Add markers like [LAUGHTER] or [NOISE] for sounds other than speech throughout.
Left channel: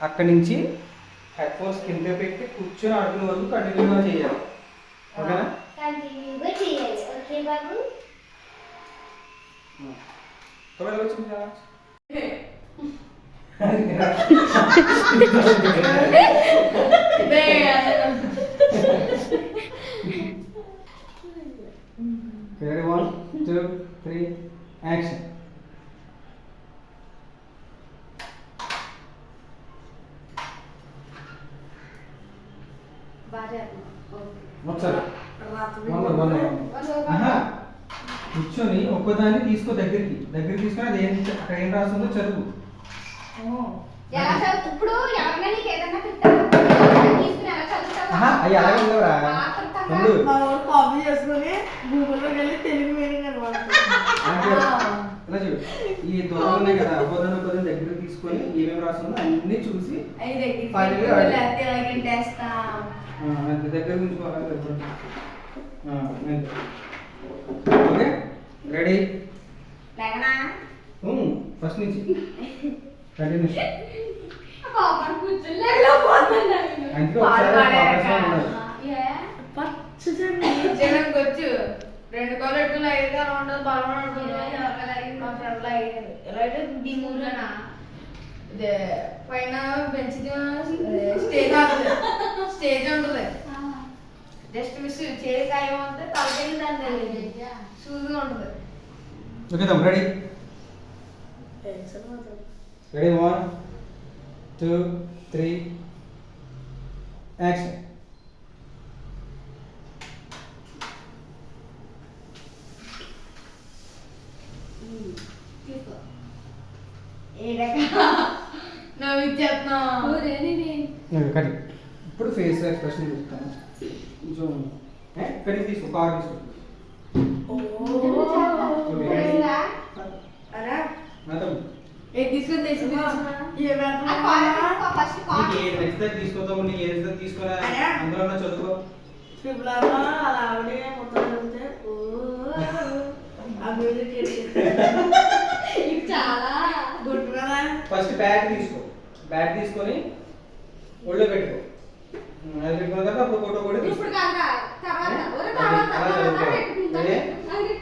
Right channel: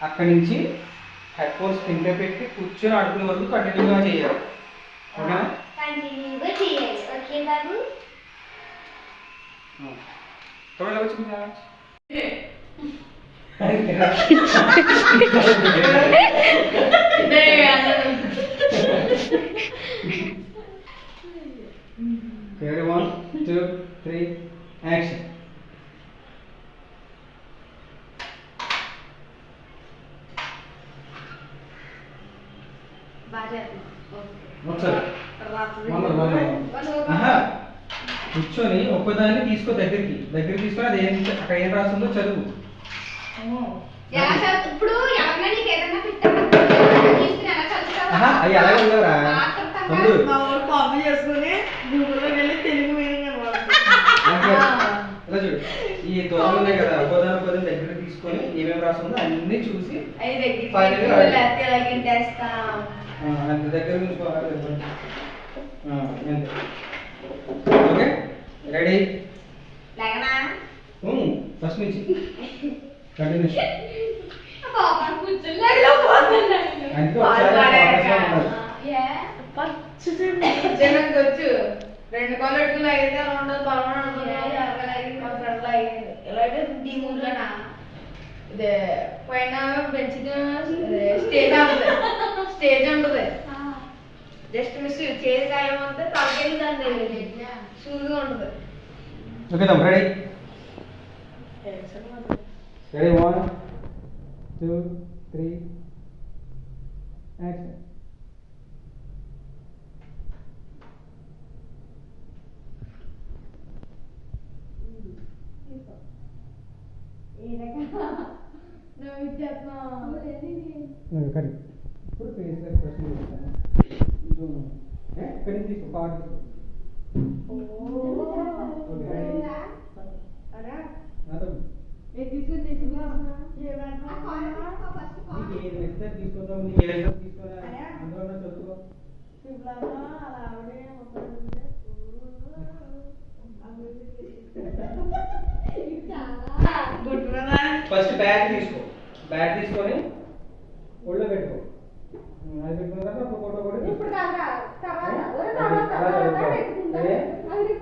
అక్కడి నుంచి head phones కింద పెట్టి కూర్చొని ఆడుకునే వరకు కంటిన్యూగా చేయాలి ఓకేనా కంటిన్యూగా చేయాలి ఓకే బాబు త్వరగా వచ్చి మీరు రావచ్చు. Ready, one, two, three, action. తీసుకో దగ్గరికి. దగ్గరికి తీసుకొని అది ఏం అక్కడ ఏం రాస్తుందో చదువు. ఎలా చదువు? ఇప్పుడు ఎవరైనా నీకు ఏదైనా పెట్టాలి తీసుకుని ఎలా చదువుతావా? ఆహా అవి అలాగే ఉండవురా? ఉండు మా వాడు కాపీ చేసుకుని గూగుల్లో వెళ్ళి తెలుగు మీనింగ్ అనమాట అంటే ఇలా చూడు. ఈ దూరం ఉన్నాయి కదా ఒక్కదాని ఒక్కదాని దగ్గరికి తీసుకొని ఏమేమి రాస్తుందో అన్ని చూసి అంత దగ్గర నుంచి పోవాలి. ఆ, అంతే. ఓకే? రెడీ? లేకనా? ఫస్ట్ నుంచి వచ్చు రెండు కాళ్ళు అయితే అలా ఉండదు బలం మా ఫ్రెండ్ లాగారు ఎలా అంటే నీ ఊర్లోనా? ఇదే పైన పెంచితే స్టేజ్ ఉంటుంది స్టేజ్ ఉంటుంది ఆ. జస్ట్ మిస్ చేతి గాయం అంటే తలకెళ్ళి దాని సూదిగా ఉంటుంది ఓకే తమ్ముడు ready ready one two three action ఇప్పుడు ఫేస్ ఎక్స్ప్రెషన్ చెప్తాను కొంచెం ఇక్కడికి తీసుకో. కార్ [LAUGHS] తీసుకో నువ్వు చాలా. ఓకే. తెలుసురా? అరా నా తమ్ముడు ఏ తీసుకొని తెచ్చి ఏ ఆ కాల్ తీసుకో, ఫస్ట్ కాల్. నీకు ఏది నచ్చితే నీకు ఏది నచ్చితే తీసుకురా అందులో ఉన్న చదువుకో ఇది చాలా ఫస్ట్ బ్యాట్ తీసుకో. బ్యాట్ తీసుకొని ఒళ్ళో పెట్టుకో ఉమ్, అది పెట్టుకున్న తర్వాత అప్పుడు ఫోటో కూడా తీసుకో ఇప్పుడు కాదురా తర్వాత ఊరే అది తర్వాత అలా తర్వాత చదువుకో. పెట్టుకుంటా. అదే? అది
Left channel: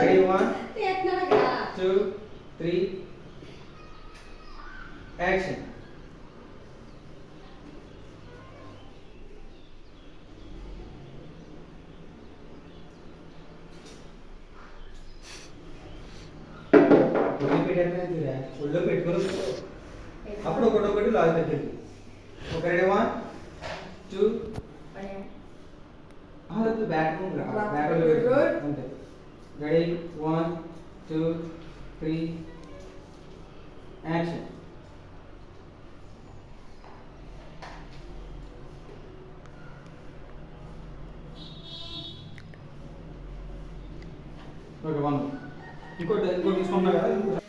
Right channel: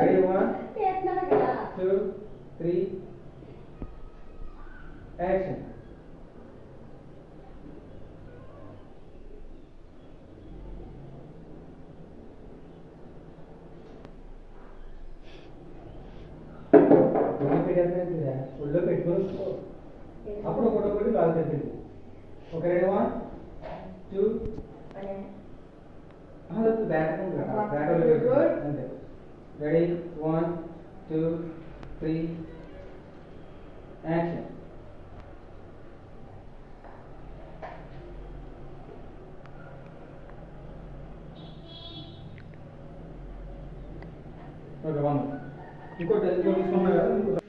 రెడీ వన్ చేస్తున్నాను కదా. టూ త్రీ యాక్షన్ ఒళ్ళు పెట్టారా ఒళ్ళో పెట్టుకొని కూర్చో. అప్పుడు ఒకటి ఒకటి లాగు తగ్గింది ఒక ready one two bat bat అంతే ready one two three action okay one ఇంకోటి ఇంకోటి తీసుకున్నా కదా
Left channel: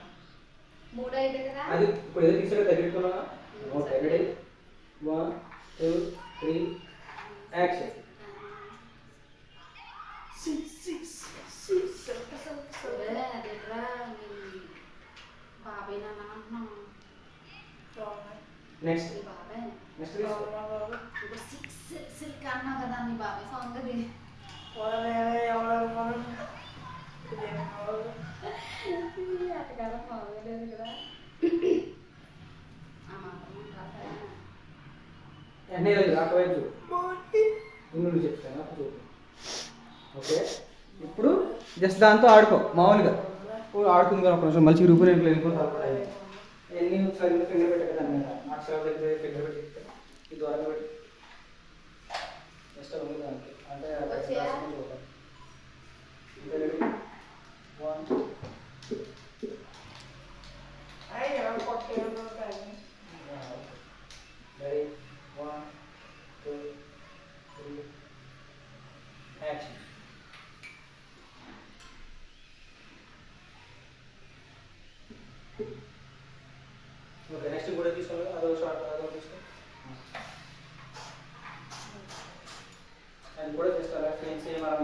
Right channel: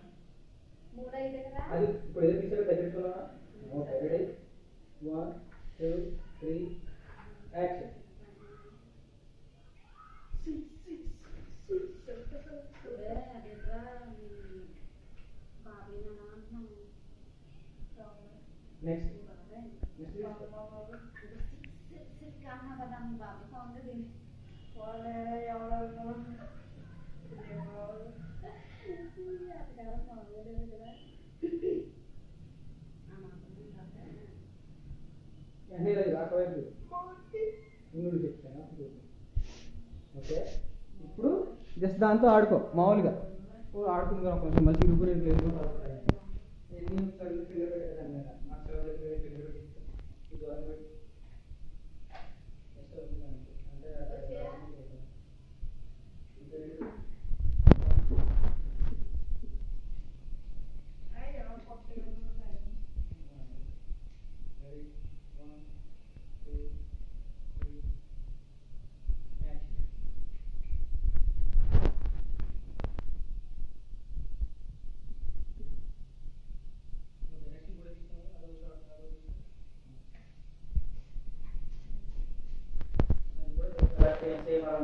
మూడు అయితే కదా? అది ఇప్పుడు ఏదో తీసుకురా okay ready one two three action అదే, అదేట్రా, మీ బాబాయ్ నాన్న అంటున్నాను. నెక్స్ట్ బాబాయ్. నెక్స్ట్ సిక్స్ సిల్క్ అన్నావు కదా మీ బాబాయ్ సాంగ్ అది అట్టకారం బాగోలేదు కదా ఆ మాత్రం ఉండాలి. అన్నీ లేదు అటువైపు చూడు ముందు చెప్తాను అప్పుడు చూడు ఓకే ఇప్పుడు జస్ట్ దాంతో ఆడుకో మామూలుగా. ఇప్పుడు ఆడుకుంది కదా ఒక నిమిషం మళ్ళీ రూపు రేపు వెళ్ళిపోతా ఎన్ని ఒకసారి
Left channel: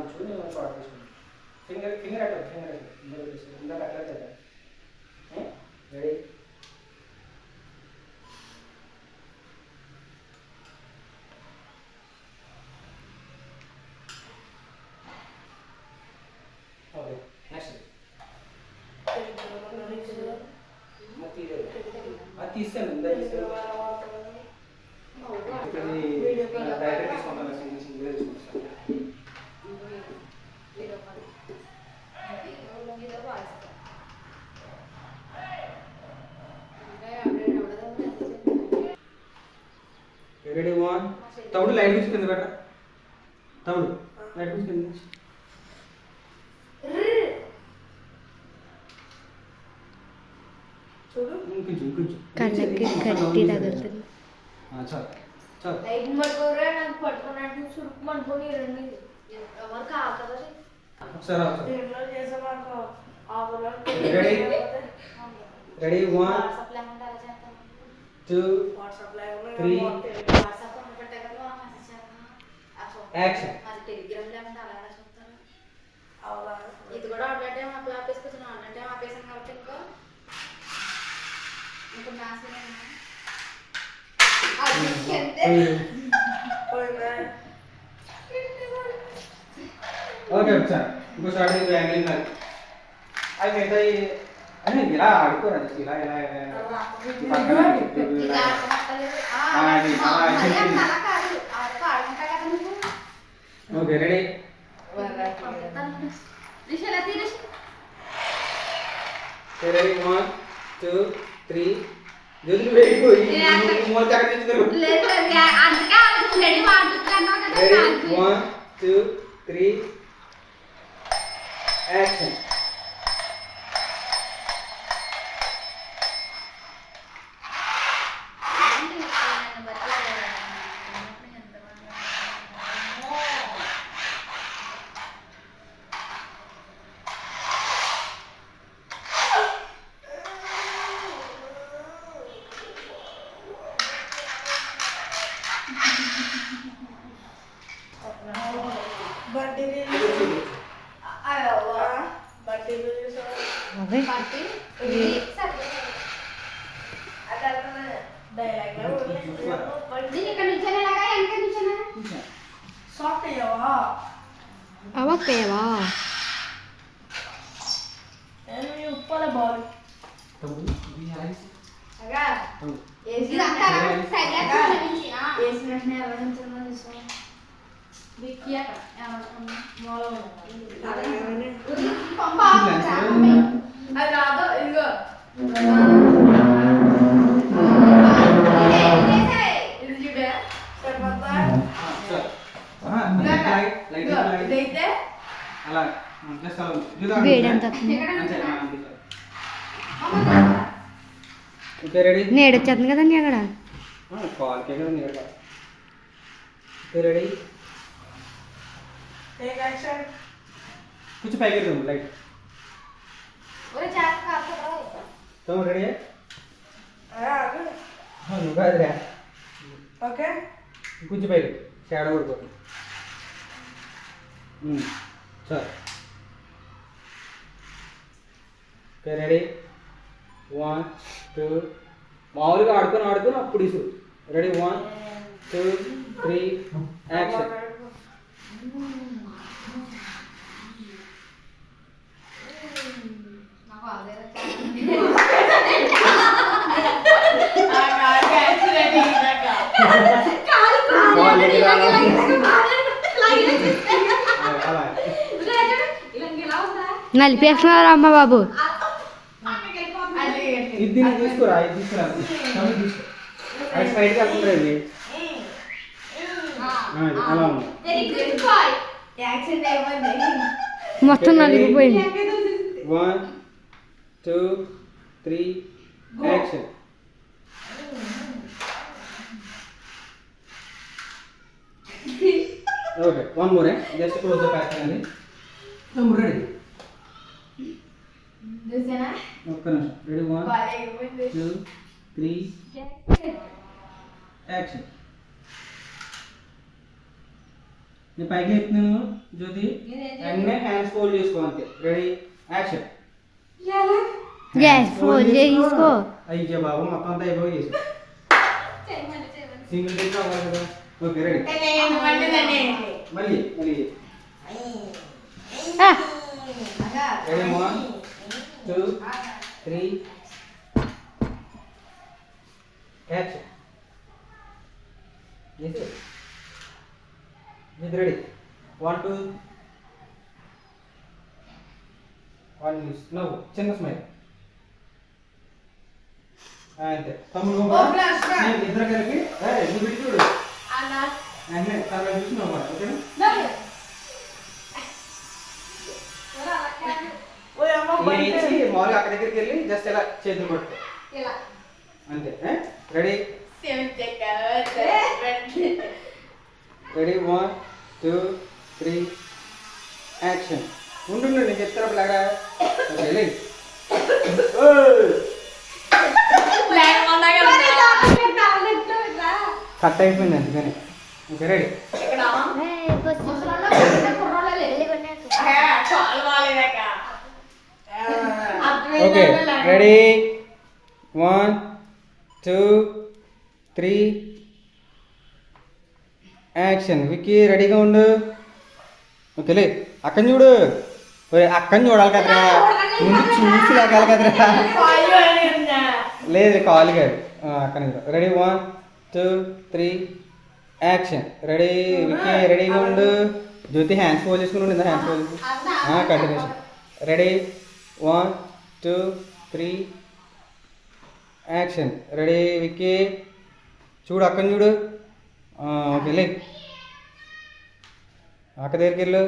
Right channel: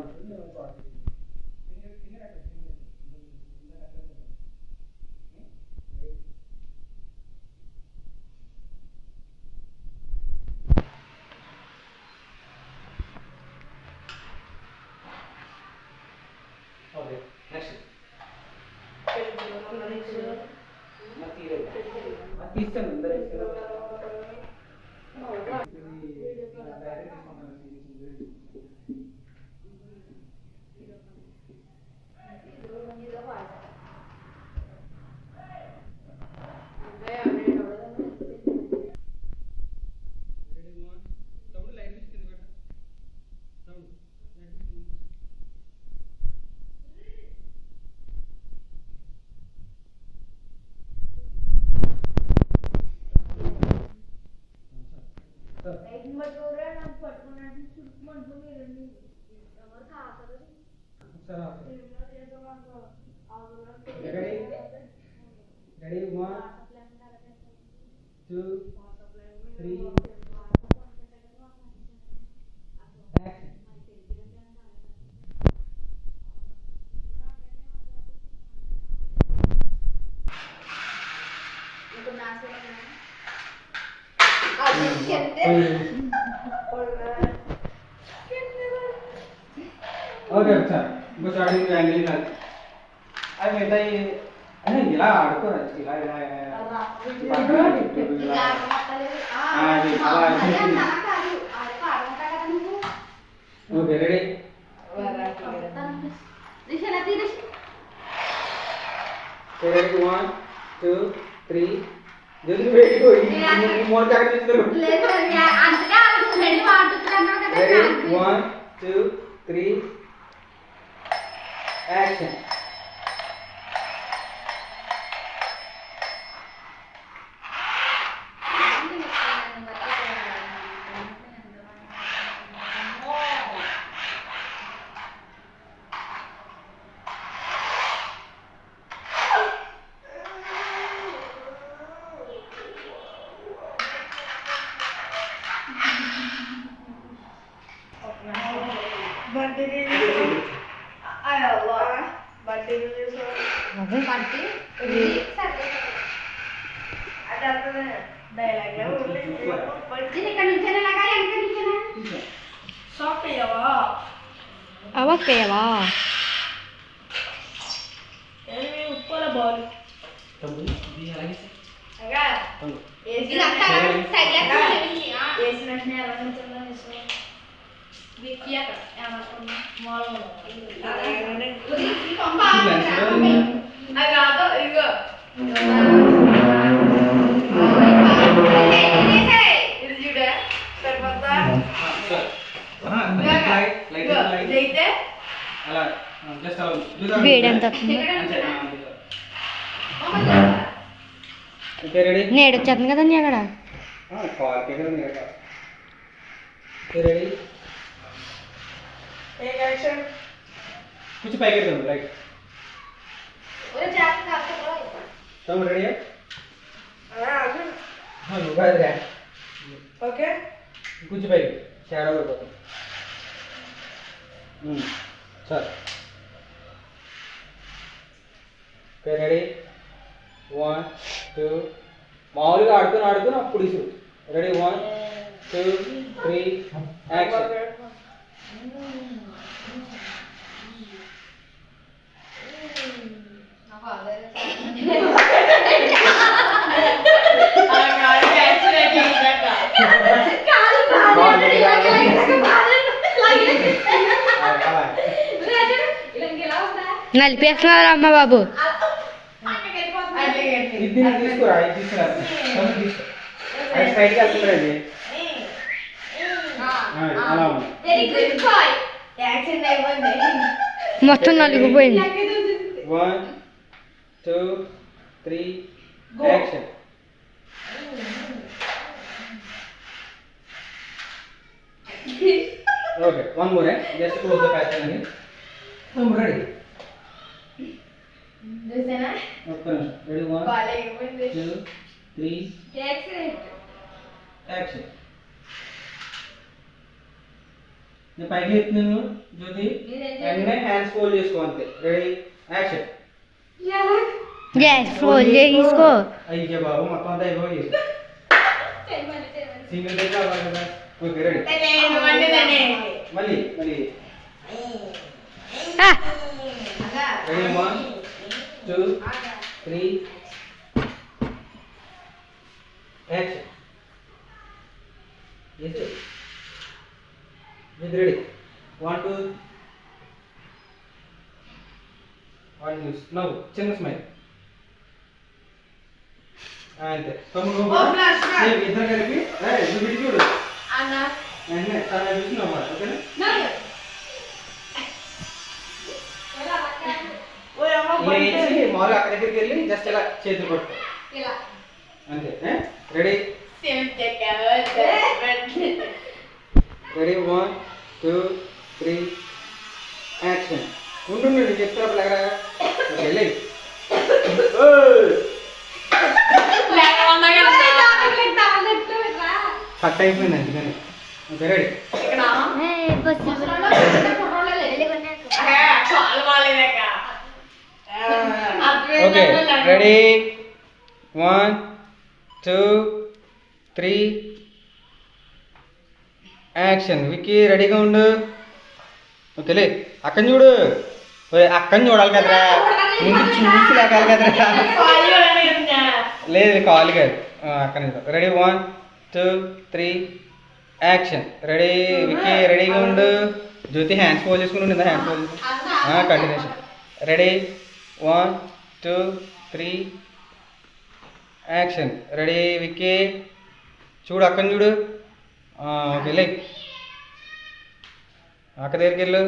చూడు నేను మంచి ఆర్డర్ ఫింగర్ ఫింగర్ అక్కడ ఫింగర్ అక్కడ ముందర అక్కడ రెడీ తమ్ముడు లైట్ తీసుకుంది బెట తమ్ముడు లైట్ తీసుకుంది చూడు కొంచెం కొంచెం కళ్ళకి గట్టి తగులుతుంది చాలు చాలు లైట్ పట్టుకోరా నాకు పట్టుకున్నట్టు చురుకు పట్టుకొని రెండు ఎవరు కావాలి ఒకసారి ఒకసారి దీంట్లో చేసే మాకు ఆవులో రెడీ రెడీ వన్ వాట్సాప్లో ఏమంటే అలా చేస్తాను టూ వాట్సాప్ action మరి టెలిగ్రామ్లో ఏమంటే అలా అలా చూస్తాను. అవునా ఇది కూడా ఆన్లైన్ టైం అప్లై ఆపేసుకొచ్చిన ఆన్లైన్ టైం ఆపేసాను కాబట్టి ఇంకో ఇప్పుడు నా సీన్ అది అంతే పోయిందా ఓకే ఒకసారి ఇంకోసారి నువ్వు యాంగిలింగ్ కాదు అది మిగతా అని ఇలా ఆడుకోరా. ఇలా ఇలా ఇలా. ఈ పక్కన ఇటు ఇంకా ఇలా. అర్థమవుతలేదు. ఆ, ఆ, ఇది అలా అదే అయిపోయింది. అలా కాదు అదే ఆడుకుంటా కదా నువ్వు okay ready ready one two three జల్దీ వెయిట్ మూల జాకెట్ తెచ్చుకోరు లేదు అందుకే రెడీ వాడుతున్నాను కదా ready one two three action ఏమి ఉప్పల బాల్? అగా. ఇది అంతా సైడ్ వేసిన వెంటనే ఎలా నుంచో తీసుకో విక్కీ అక్కడ ఏమనుకున్నా మూలలో పంప అది కాదు ఇగో ఇది చూడే సరిపోతా లైట్ లైట్ ఇగో లైట్ ఇదైతే అలా జస్ట్ అలా వేడెంత అంతే ఓకే రెడీ నేడు వచ్చేస్తుంది కదండి అక్కడ కాల్ పేరు ఉంది కదా ఓకే రెడీ ఏ యాక్షన్ కొంచెం పైకి ఎత్తాను లైట్ తమ్ముడు రెడీ నువ్వు కాదురా ఓకే కొంచెం పైకి షాడో పడిపోతుంది sir okay ready one two మామూలుగా ఆడుకొని ఆడుకొని అప్పుడు ఇసు ready one two three action Already అలా నలిపేస్తున్నారు అమ్మ బాబు ఇది దీన్ని తీసుకురా ఇది తీసుకురా తమ్ముడు తీసుకో అది స్ట్రైట్గా వెళ్తుందా ఇది ఆ, ఇది అలా ఉంది వెరీ గుడ్ బాయ్ యాక్షన్ అయిపోయింది మొత్తం నలిగిపోయింది one two three action okay one more just close the patch అండి రెడీ చూసానా? ఒక్క నిమిషం. Ready one two three Jackson action నేను పైకి ఎత్తున్నాను జ్యోతి? వెంటనే హ్యాండ్స్ ఫోల్డ్ చేసుకో అంతే. రెడీ యాక్షన్ గ్యాస్ ఫోన్ తీసుకో అయ్యే బాబు మొత్తం అంతా అయిపోయి సింగిల్ టేక్ అవ్వాలి కదా. ఓకే రెడీ నేను మండిదని మళ్ళీ మళ్ళీ ఆ, ready one two three action yes ఇది రెడీ వన్ టూ వన్ న్యూస్ నవ్వు చిన్న స్మైల్ అంతే. తమ్ముడు ఇద్దరు కలిపి నువ్వు ఇటు చూడు. తన చూసి నవ్వాలి ఓకేనా? లేచి మామూలుగా అక్కడ దగ్గరికి వెళ్ళి జస్ట్ ఇలా చేతులు పట్టు ఇలా. అంతే ready ready one two three action ఉండు నేను చెప్తాను లాగా వెళ్ళి? కట్ అయిపోయింది అందుకని. Okay ready okay ready? One two three. Action. Vicky రెడీగా ఉండు. లే అక్కని చూడు. ఓయ్, అక్కని చూడాలి కదరా. ముందు చూసి లేకాలి కదరా. లేదు కాల్ కాదు. అక్కడి ready? One two three. Action. Ready? Vicky రెడీగా ఉండు. జ్యోతి హ్యాండ్స్ ఫోల్ చేసుకుని ఉండు. Hands fold continuation ready? One two three action ready Vicky చూడు అక్కని చూడు ఆ, ఓకే లే అక్క దగ్గరికి వెళ్ళు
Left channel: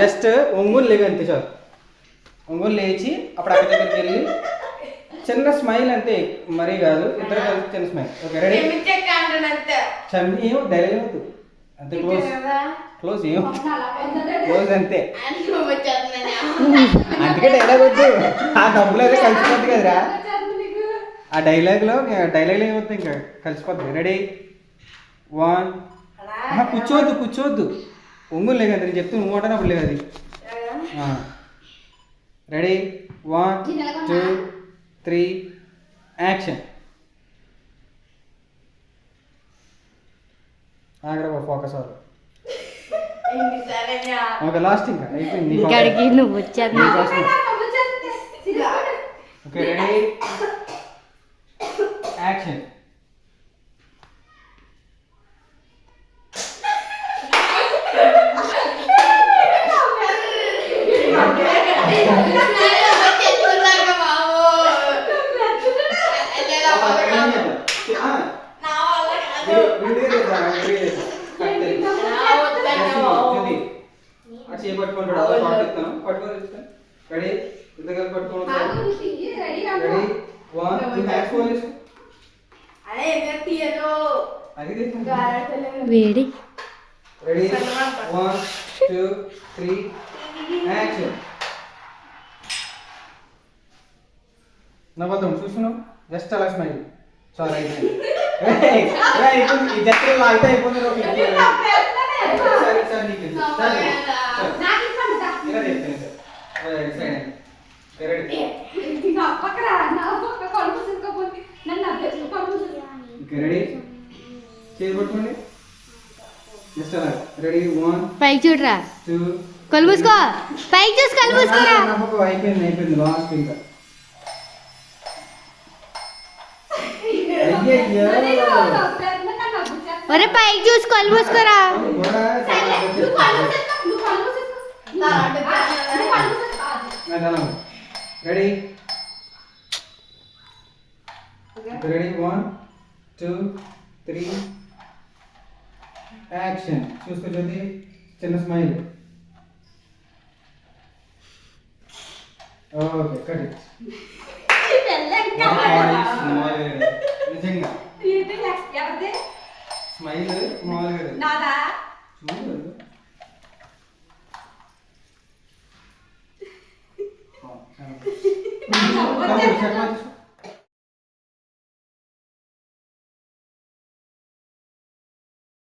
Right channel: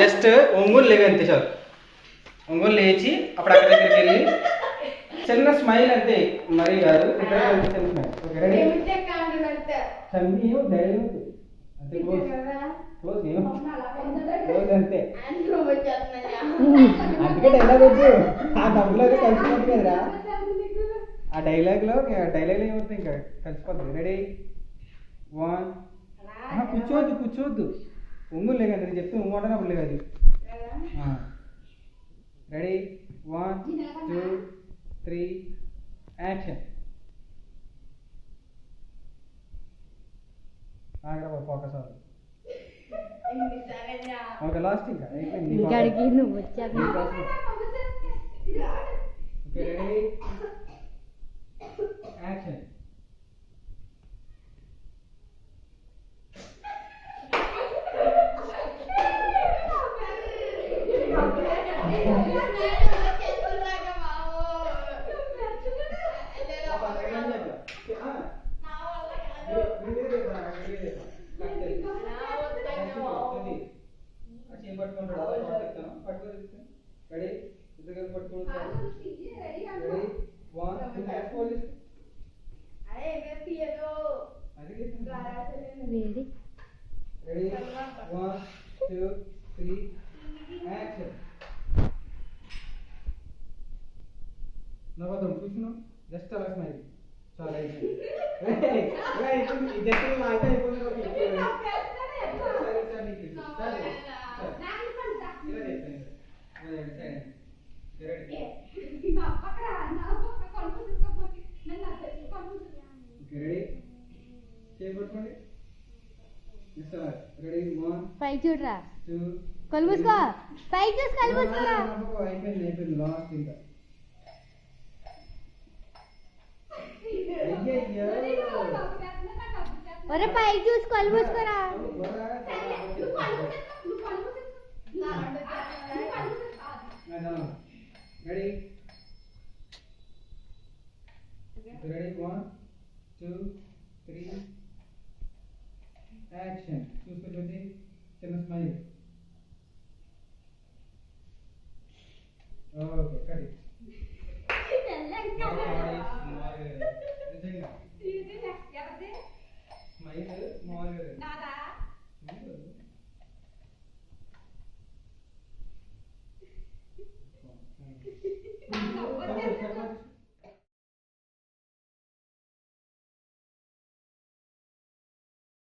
జస్ట్ ఒంగులు లేవి అంతే చాలు. ఒంగులు లేచి అప్పుడు అక్క దగ్గరికి వెళ్ళి చిన్న స్మైల్ అంతే మరీ కాదు ఇద్దరు కలిపి చిన్న స్మైల్. ఓకే రెడీ ఏమో ధైర్యం అంతే క్లోజ్ క్లోజ్ ఏం క్లోజ్ అంతే. అందుకే డైలాగ్ వద్దు. ఆ డబ్బులు అయితే కలిసిపోద్ది కదరా. ఆ డైలాగ్లో డైలాగ్ ఏమవుతుంది ఇంకా? కలిసిపోద్ది రెడీ వన్ కూర్చోవద్దు కూర్చోవద్దు. ఒంగులు లేదు నేను చెప్తే నువ్వు అంటున్నప్పుడు లేదు అది ready one two three action అక్కడ ఫోకస్ అవ్వాలి ఓకే లాస్ట్ ఇంకా. అయిపోయింది. ఇక్కడికి focus. నువ్వు వచ్చేది. నీ focus. [LAUGHS] ఓకే రెడీ [LAUGHS] యాక్షన్ పట్టుకుంటాడు అదో షార్ట్ ఇస్తాను పట్టుకొని ఇస్తాను రెడీ ఇద్దరు పట్టుకోండి ready one two hands phone చేసుకో అది తీసుకో వేడి ready one two three action నవ్వద్దాం చూస్తున్నావు? జస్ట్ అలా స్మైల్ చాలా అయిపోయింది జస్ట్ అయిపోతుంది ఒక ఇది. సరే సరే నీకు సరే సరే. ఇలా సార్. రెడీ చేసి పట్టుకోండి. రెడీ వన్ పైకి చూడరా? మూసుకో పైకి చూసి నమ్మకం అయిపోయింది అయిపోయింది. లాస్ట్ ఇంకా. ఒరే పైకి చూసి కూడా ready ready one two three action చూసుకో జ్యోతి చిన్న స్మైల్ ఓకే కట్ నిజంగా. స్మైల్ మామూలుగా చూడు. [LAUGHS] చెప్పచ్చు